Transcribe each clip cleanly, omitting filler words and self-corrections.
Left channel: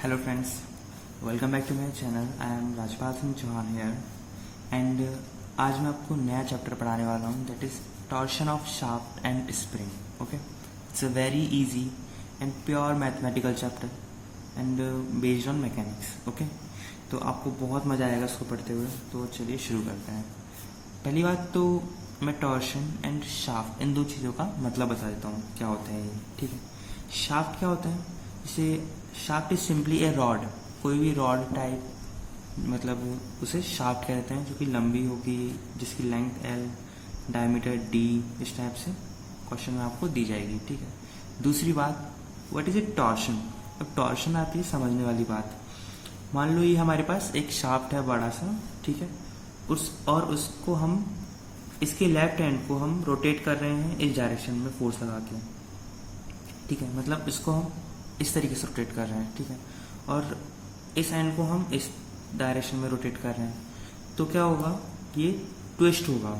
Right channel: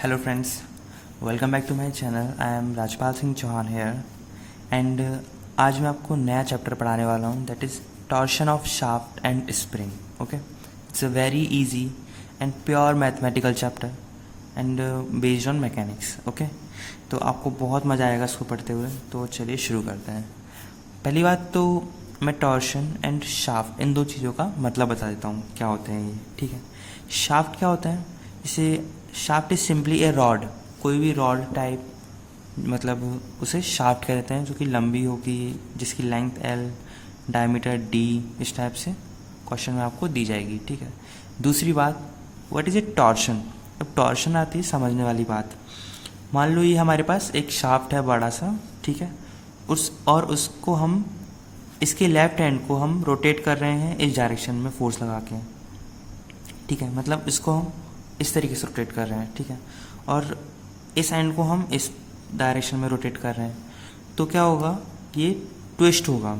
Hello friends, welcome back to my channel. I am Rajpal Singh Chauhan here and आज मैं आपको नया चैप्टर पढ़ाने वाला हूँ that is torsion of shaft and spring. Okay, it's a very easy and pure mathematical chapter and based on mechanics. Okay, तो आपको बहुत मज़ा आएगा इसको पढ़ते हुए. तो चलिए शुरू करते हैं. पहली बात तो मैं टॉर्शन एंड शाफ्ट इन दो चीज़ों का मतलब बता देता हूँ क्या होते हैं ये. ठीक है, शाफ्ट क्या होता है? जैसे shaft is simply A rod, कोई भी रॉड टाइप, मतलब उसे शाफ्ट कहते हैं, जो कि लंबी होगी, जिसकी लेंथ एल, डायमीटर डी, इस टाइप से क्वेश्चन में आपको दी जाएगी. ठीक है. दूसरी बात, व्हाट इज ए टॉर्शन. अब टॉर्शन आती है समझने वाली बात. मान लो ये हमारे पास एक शाफ्ट है बड़ा सा, ठीक है, उसको हम इसके लेफ्ट हैंड को हम रोटेट कर रहे हैं इस डायरेक्शन में फोर्स लगा के. ठीक है, मतलब इसको हम इस तरीके से रोटेट कर रहे हैं. ठीक है, और इस एंड को हम इस डायरेक्शन में रोटेट कर रहे हैं. तो क्या होगा, ये ट्विस्ट होगा.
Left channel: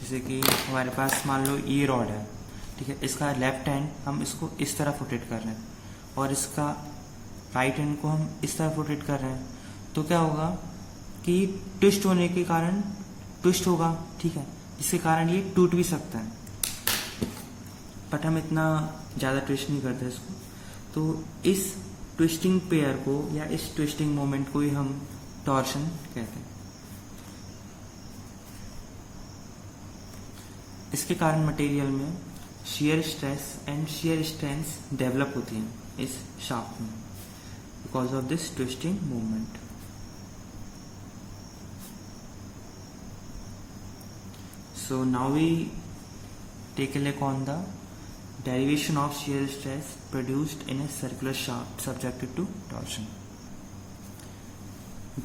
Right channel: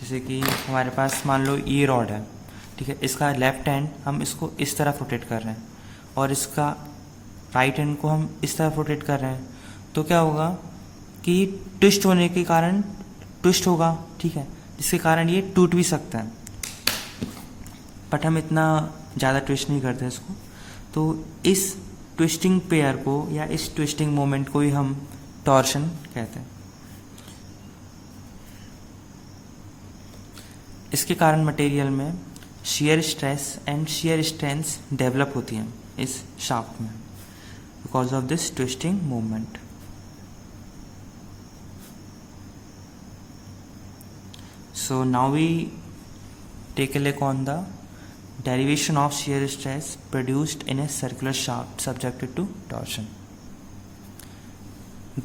जैसे कि हमारे पास मान लो ये रॉड है, ठीक है, इसका लेफ्ट हैंड हम इसको इस तरफ रोटेट कर रहे हैं और इसका राइट हैंड को हम इस तरफ रोटेट कर रहे हैं. तो क्या होगा कि ट्विस्ट होने के कारण ट्विस्ट होगा. ठीक है, जिसके कारण ये टूट भी सकता है, बट हम इतना ज़्यादा ट्विस्ट नहीं करते इसको. तो इस ट्विस्टिंग पेयर को या इस ट्विस्टिंग मोमेंट को ही हम टॉर्शन कहते हैं. इसके कारण मटेरियल में shear stress and shear strength develop होती हैं इस शाफ्ट में because of this twisting movement. So now we take a look on the derivation of shear stress produced in a circular shaft subjected to torsion.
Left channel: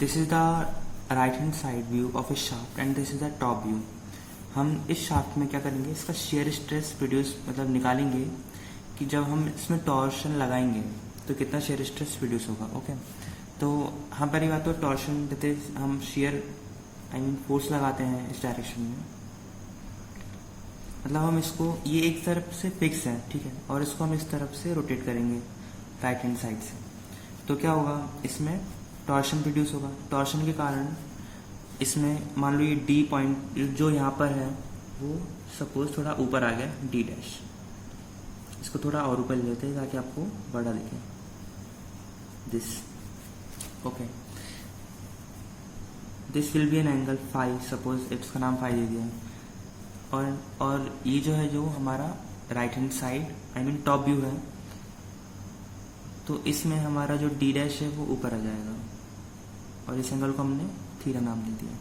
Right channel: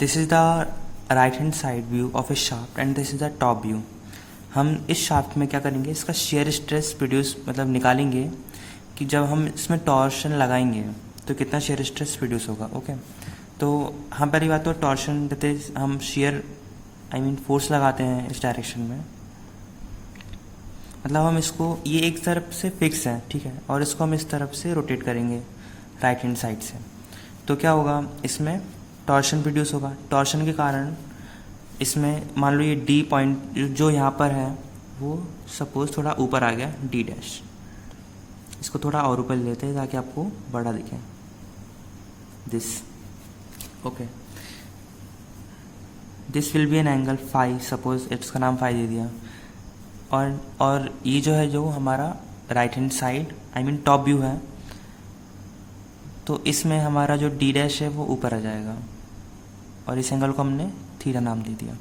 This is the right hand side view of a shaft and this is the top view. हम इस shaft में क्या करेंगे, इसका shear stress produce मतलब निकालेंगे कि जब हम इसमें टॉर्शन लगाएंगे तो कितना शेयर स्ट्रेस प्रोड्यूस होगा. ओके, तो हम पहली बात तो टॉर्शन देते हम शेयर फोर्स लगाते हैं इस डायरेक्शन में. मतलब हम इसको, ये एक तरफ से फिक्स है, ठीक है, और इसको हम इस तरफ से रोटेट करेंगे राइट हैंड साइड से. तो क्या होगा, इसमें टॉर्शन प्रोड्यूस होगा. टॉर्शन के कारण इसमें मान लो ये डी पॉइंट जो यहाँ पर है वो सपोज थोड़ा ऊपर आ गया, डी डैश. इसको थोड़ा और ऊपर ले लेते हैं ताकि आपको बड़ा दिखे. This okay, this will be an angle phi. Suppose इसका नाम फाई दे दिया. और ये जो है, जो हमारा right hand side top view है, तो इसमें हमारा जो डी डैश है वो ऊपर आ जाएगा और इस एंगल को हमने थीटा नाम दे दिया.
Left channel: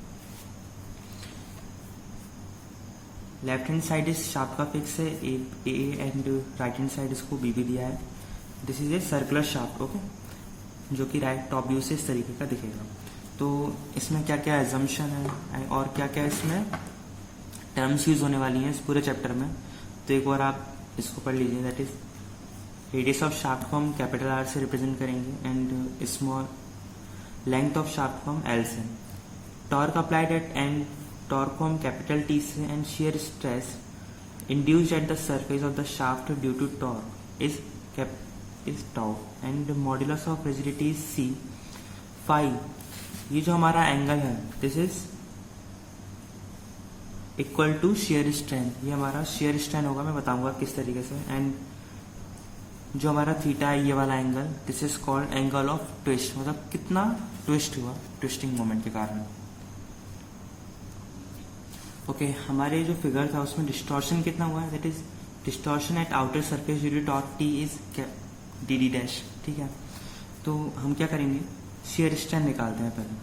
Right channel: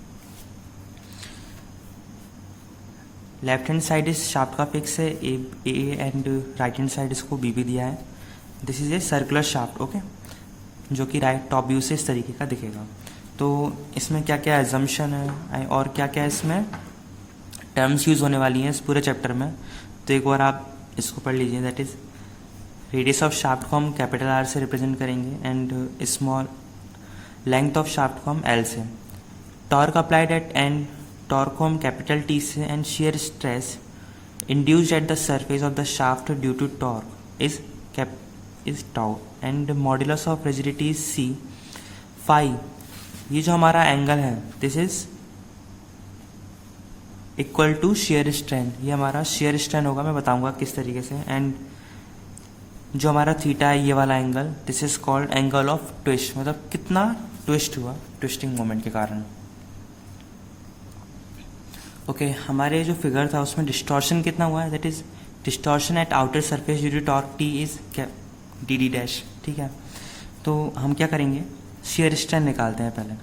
लेफ्ट हैंड साइड इस शाफ्ट का फिक्स है A and right hand side इसको बी भी दिया है. This is a circular shaft. Okay, जो कि राइट टॉप व्यू से इस तरीके का दिखेगा. तो इसमें क्या क्या एजम्पशन है और क्या क्या इसमें टर्म्स यूज होने वाली हैं इस पूरे चैप्टर में. तो एक बार आप इसको पढ़ लीजिए. That is radius of shaft को हम कैपिटल आर से रिप्रेजेंट करेंगे and small length of shaft को हम एल से. Torque applied at end torque को हम कैपिटल टी से and shear stress induced at the surface of the shaft due to torque is tau and modulus of rigidity is C. Phi, ये जो हमारा angle है, this is equal to shear strain. ये हमारा shear strain होगा, मैं बताऊंगा किस तरीके से. एंड जो हमारा थीटा है, ये वाला angle, this is called angle of twist. मतलब कितना ट्विस्ट हुआ ट्विस्टिंग मोमेंट के कारण. ओके, हमारे जो फिगर था उसमें डिस्टॉर्शन कितना हुआ है, that is distortion at outer surface due to torque T is D D dash. ठीक है, तो हम क्या करेंगे, शेयर स्ट्रेन निकालते हैं पहले.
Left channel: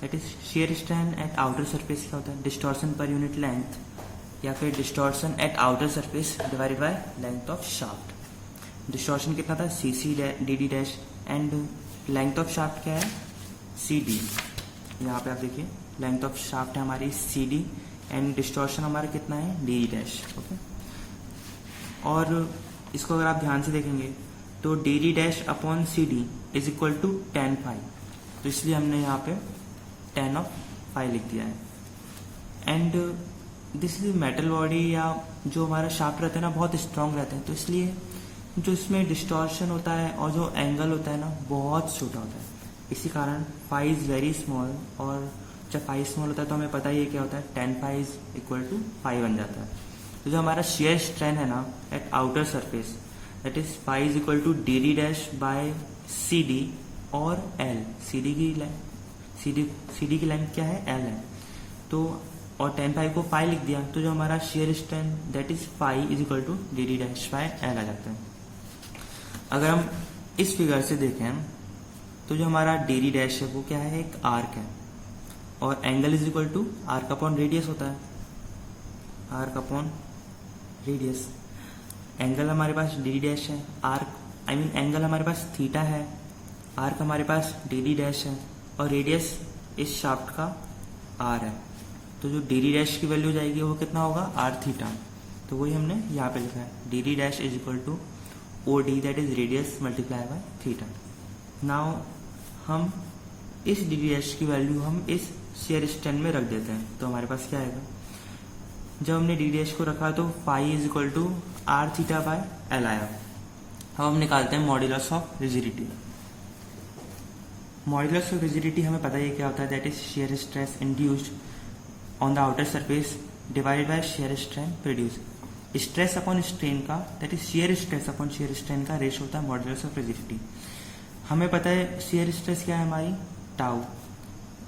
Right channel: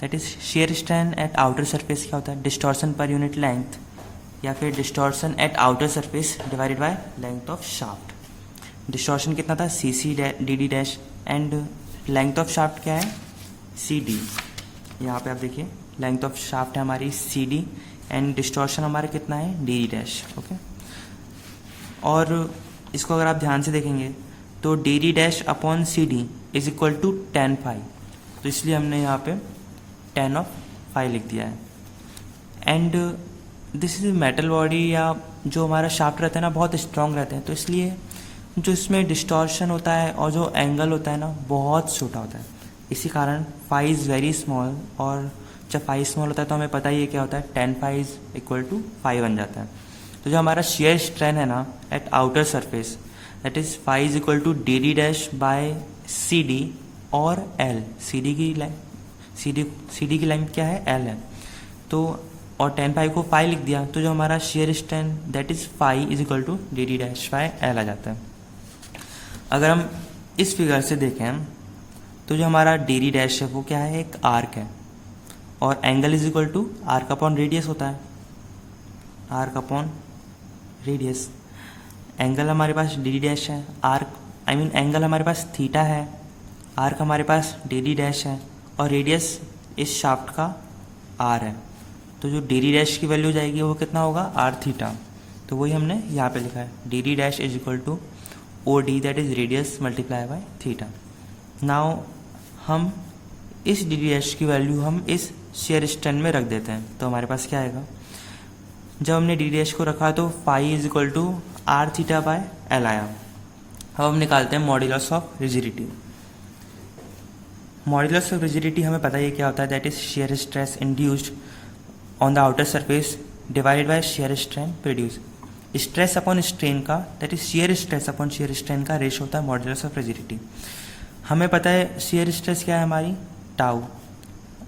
That is shear strain at outer surface क्या होता है, डिस्टॉर्शन पर यूनिट लेंथ या फिर distortion at outer surface divided by length of shaft. Distortion कितना था, C C D D dash and length of shaft क्या है, सी डी. यहाँ पे आप देखिए लेंथ ऑफ शाफ्ट है हमारी सी डी एंड डिस्टॉर्शन हमारा कितना है, डी डी डैश. ओके, और इसको अगर आप ध्यान से देखेंगे तो D D dash upon C D is equal to tan phi. तो इसलिए हमने यहाँ पे टेन ऑफ फाई लिख दिया है. And this is metal body, या जो हमारा शाफ्ट रहता है ना बहुत स्ट्रांग रहते हैं, तो इसलिए जो इसमें डिस्टॉर्शन होता है और जो एंगल होता है ना बहुत छोटा होता है, इसी कारण फाई इज़ वेरी स्मॉल। और जब फाई स्मॉल होता है तो हमें पता ही है क्या होता है, tan phi is equal to phi बन जाता है। तो जो हमारा शेयर स्ट्रेन है ना at outer surface, that is phi is equal to D D dash by C D और एल। सी डी की लेंथ क्या है, एल है। तो और टेन फाई को फाई लिख दिया, तो जो हमारा shear strain that is phi is equal to D D dash by L आ जाता है। अगर हम इस फिगर से देखें तो जो हमारा डी डी डैश है वो क्या है, एक आर्क है, और angle is equal to arc upon radius होता है, आर्क अपॉन रेडियस। एंगल हमारे पास डी डी डैश है, आर्क एंगल हमारे पास थीटा है, आर्क हमारे पास डी डी डैश है, और रेडियस इस शाफ्ट का आर है। तो जो डी डी डैश की वैल्यू जाएगी वो कितना होगा, आर थीटा। तो वही हमने यहाँ पे लिखा है, D D dash is equal to O D that is radius multiply by theta. Now हम इस डी डी डैश की वैल्यू हम इस शेयर स्ट्रेन में रख देते हैं, तो हमारे पास क्या आएगा, जब हमने डी डी डैश को रखा तो phi is equal to R theta by L आया। अब हम निकालते हैं modulus of rigidity. Modulus of rigidity हमें पता है क्या होता है, that is shear stress induced on the outer surface divided by shear strain produce. Stress upon strain का, that is shear stress upon shear strain का रेशो होता है मॉड्यूलस ऑफ रिजिडिटी। हमें पता है शेयर स्ट्रेस क्या है हमारी, टाउ,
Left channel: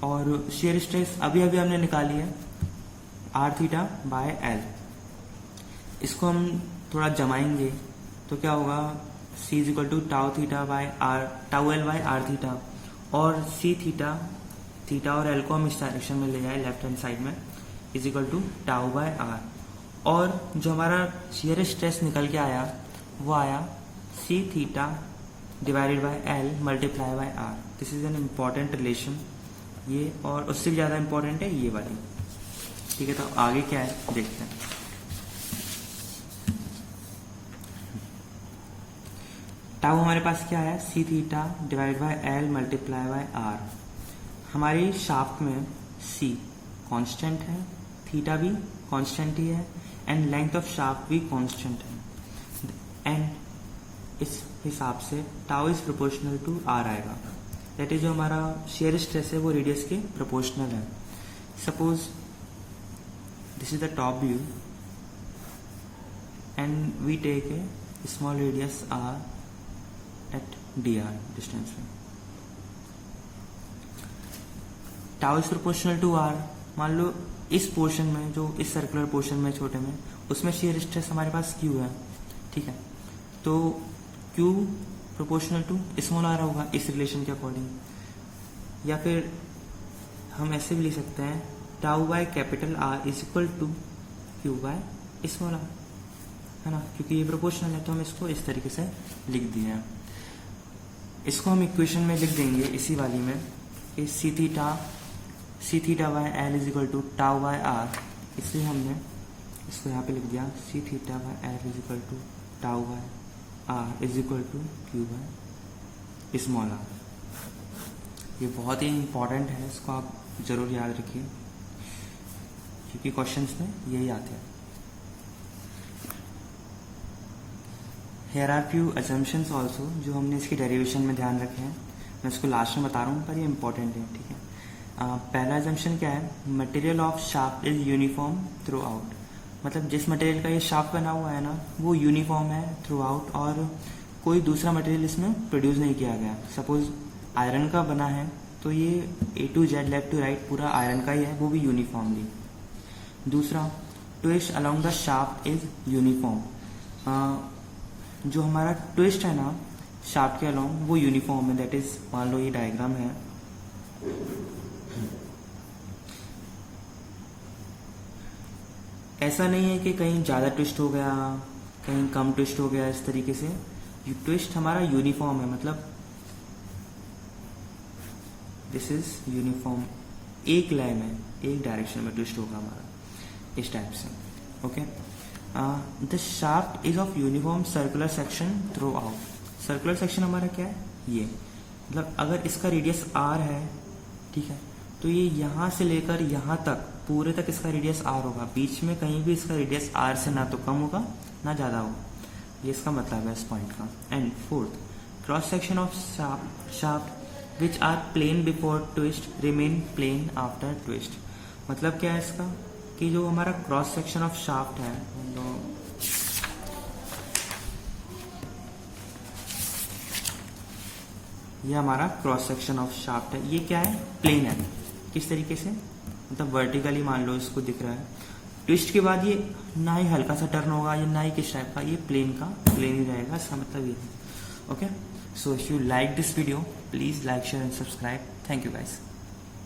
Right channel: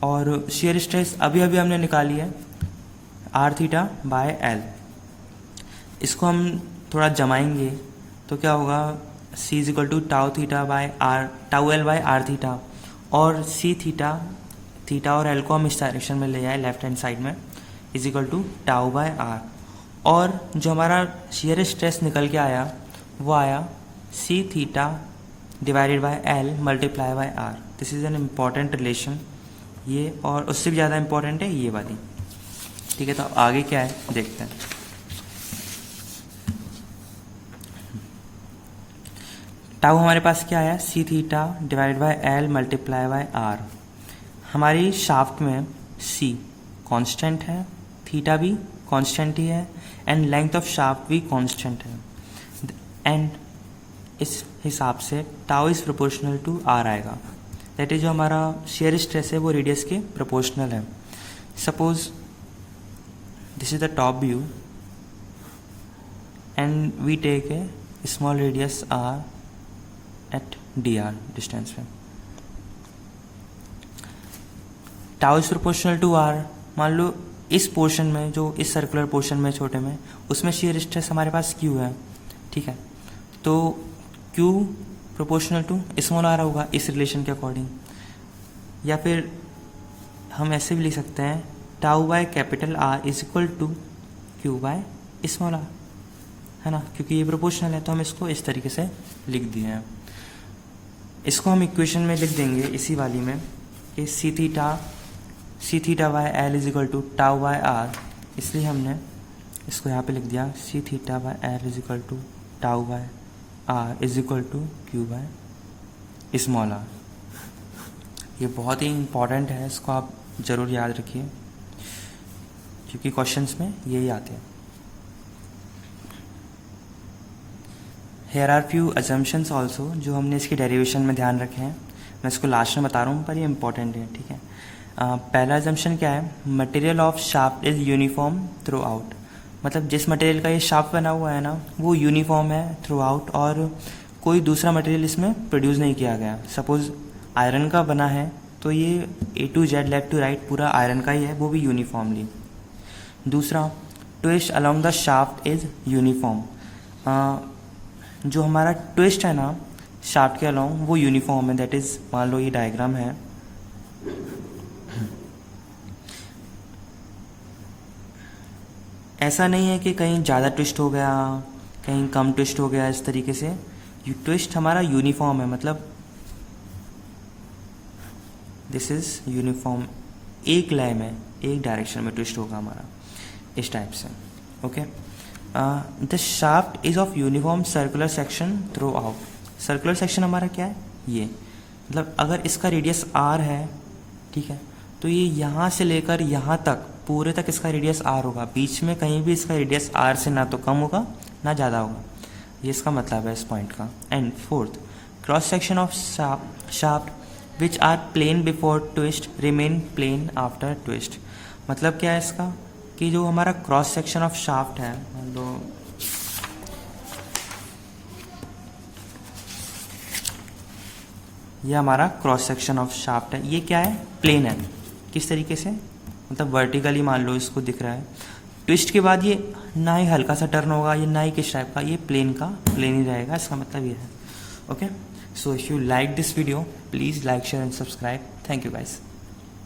और शेयर स्ट्रेस अभी अभी हमने निकाली है आर थीटा बाय एल। इसको हम थोड़ा जमाएंगे तो क्या होगा, C is equal to tau theta by R, tau L by R theta, और सी थीटा और एल को हम इस डायरेक्शन में ले जाए लेफ्ट हैंड साइड में, is equal to tau by R. और जो हमारा शेयर स्ट्रेस निकल के आया वो आया C theta divided by L multiply by R. This is an important relation ये, और उससे भी ज़्यादा इम्पॉर्टेंट है ये वाली। ठीक है, तो आगे क्या है देखते हैं। टाउ हमारे पास क्या आया, C theta divide by L multiply by R. हमारी शाफ्ट में सी कांस्टेंट है, थीटा भी कांस्टेंट ही है, एंड लेंथ ऑफ शाफ्ट भी कांस्टेंट है, एंड इस हिसाब से tau is proportional to R आएगा। दैट इज जो हमारा शेयर स्ट्रेस है वो रेडियस के प्रोपोर्शनल है। Suppose this is the top view and we take a small radius R at D R distance में। Tau is proportional to R. मान लो इस पोर्शन में, जो इस सर्कुलर पोर्शन में छोटे में, उसमें शेयर स्ट्रेस हमारे पास क्यू है, ठीक है, तो Q proportional to small R होगा इस रिलेशन के अकॉर्डिंग। या फिर हम ऐसे भी लिख सकते हैं, tau by capital R is equal to Q by small R, है ना, क्योंकि ये प्रोपोर्शनल है तो हम इसको इस तरीके से लिख दिए हैं। इसको हम इक्वेशन में लिख देंगे इसी वाली में कि C theta by L is equal to tau by R, इसलिए हमने इसको यहाँ पे लिख दिया C theta by L is equal to tau by R is equal to Q by small R. ये बहुत ही इम्पॉर्टेंट है, इसको आप ज़रूर याद रखिए क्योंकि क्वेश्चंस में यही आते हैं। Here are few assumptions also जो हमने इसके डेरिवेशन में ध्यान रखे हैं, मैं इसको लास्ट में बता रहा हूँ पर ये इंपॉर्टेंट है, ठीक है। पहला अजम्पशन क्या है, material of shaft is uniform through out. मतलब जिस मटेरियल का ये शाफ्ट बना हुआ है ना वो यूनिफॉर्म है थ्रू आउट, और कोई दूसरा मटेरियल इसमें प्रोड्यूस नहीं किया गया। सपोज आयरन का बना है तो ये A to Z left to right पूरा आयरन का ही है, वो भी यूनिफॉर्मली। दूसरा, twist along the shaft is uniform. जो हमारा ट्विस्ट है ना शाफ्ट के अलोंग वो यूनिफॉर्म है, दैट इज, मान लो ये डायग्राम है, ऐसा नहीं है कि कहीं ज़्यादा ट्विस्ट हो गया कहीं कम ट्विस्ट हो गया, इस तरीके से ये ट्विस्ट हमारा यूनिफॉर्म है, मतलब दिस इज यूनिफॉर्म, एक लाइन में एक डायरेक्शन में ट्विस्ट होगा हमारा, इस टाइप से। Okay, the shaft is of uniform circular section through out. Circular section हमारा क्या है, ये मतलब अगर इसका रेडियस आर है, ठीक है, तो ये यहाँ से लेकर यहाँ तक पूरे तक इसका रेडियस आर होगा, बीच में कहीं भी इसका रेडियस आर से ना तो कम होगा ना ज़्यादा होगा। ये इसका मतलब है इस पॉइंट का। And fourth, cross section of shaft which are plane before twist remain plane after twist. मतलब क्या है इसका कि जो हमारा क्रॉस सेक्शन ऑफ शाफ्ट है, ये हमारा क्रॉस सेक्शन ऑफ शाफ्ट है, ये क्या है, प्लेन है। किस तरीके से, मतलब वर्टिकली मान लो इसको दिख रहा है, ट्विस्ट के बाद ये ना ही हल्का सा टर्न होगा, ये ना ही किस टाइप का, ये प्लेन का प्लेन ही रहेगा, इसका मतलब ये है। Okay, so if you like this video please like share and subscribe. Thank you guys.